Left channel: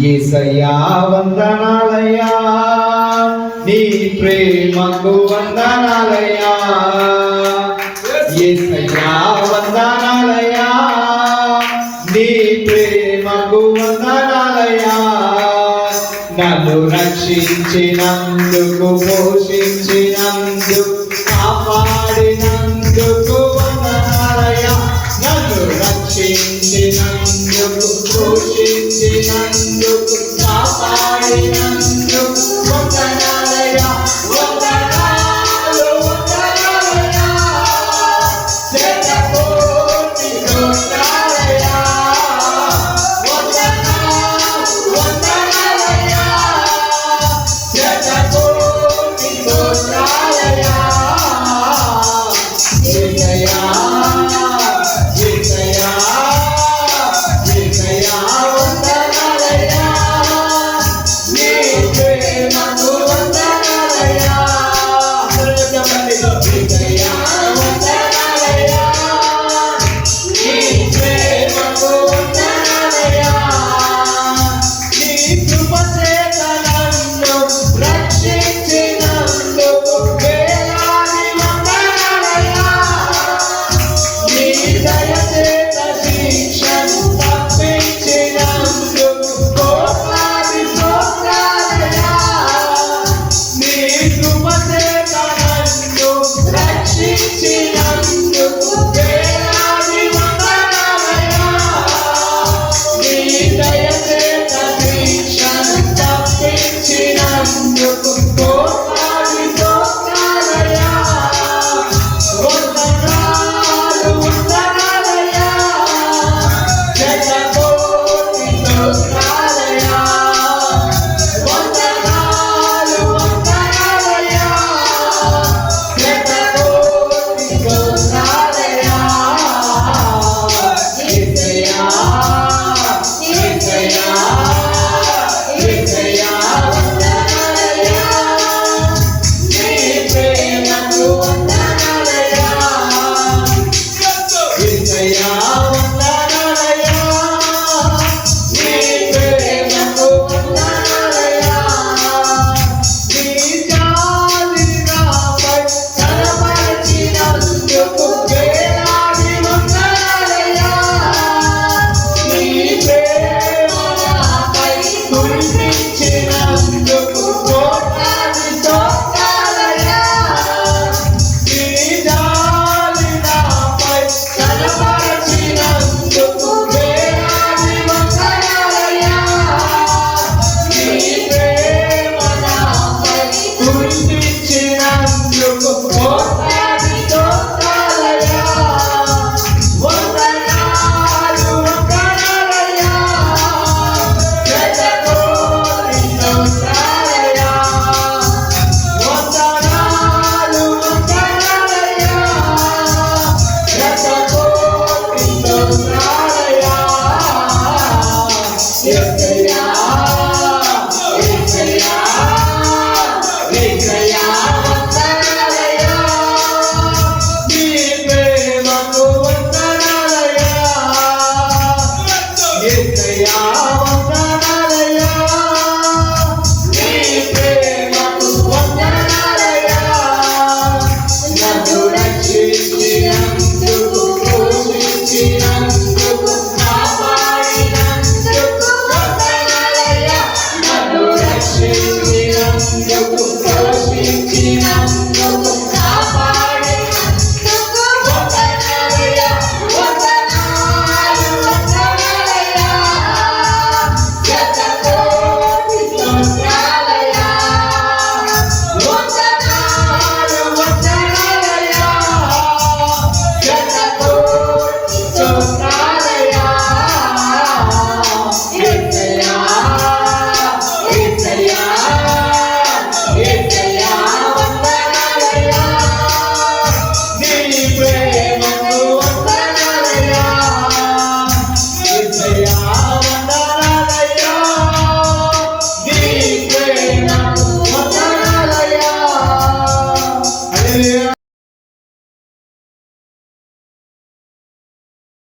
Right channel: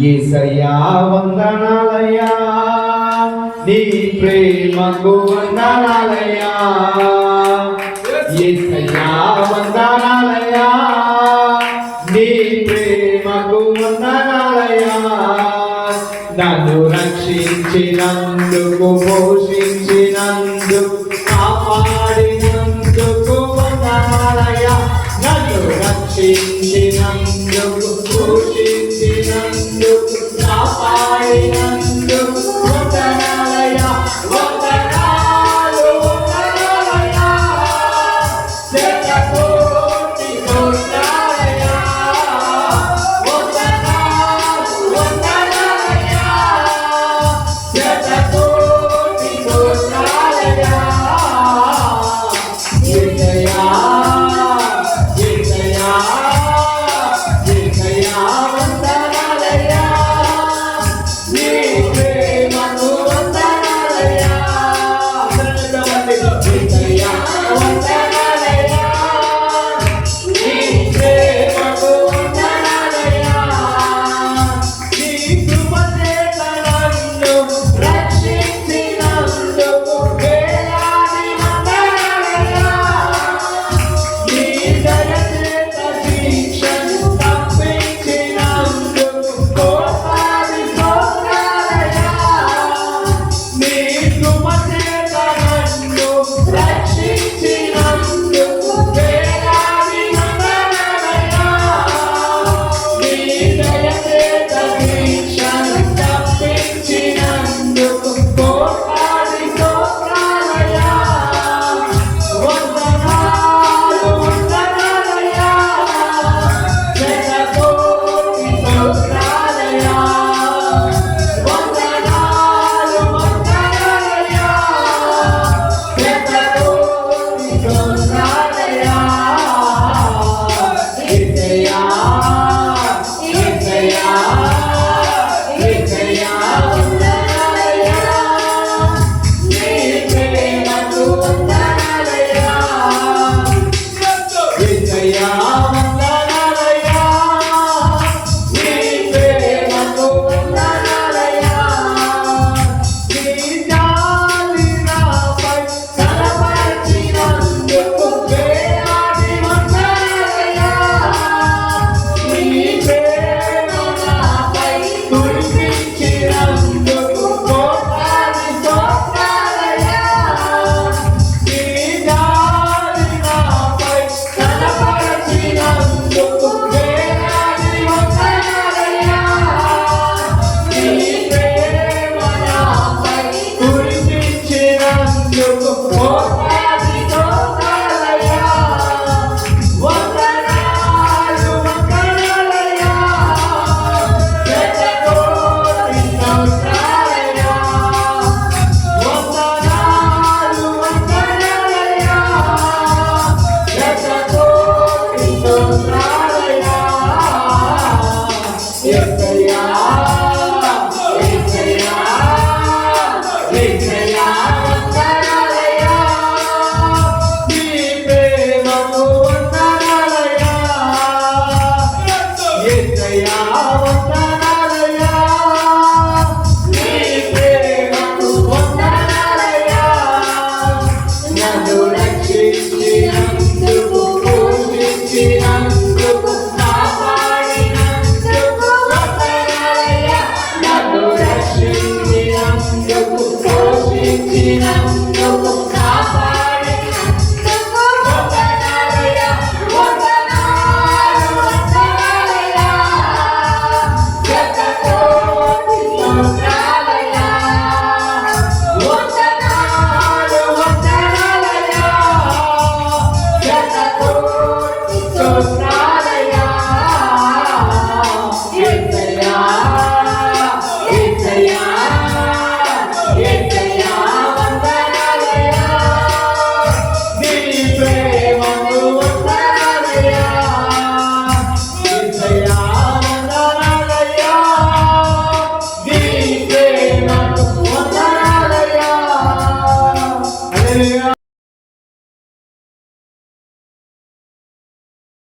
ఏసయ్యా వందనాలయ్యా. నీ ప్రేమకు వందనాలయ్యా. ఏసయ్యా వందనాలయ్యా. నీ ప్రేమకు వందనాలయ్యా. నన్ను రక్షించినందుకు పోషించినందుకు కాపాడినందుకు వందనాలయ్యా. నన్ను రక్షించినందుకు Yeah. Gracias.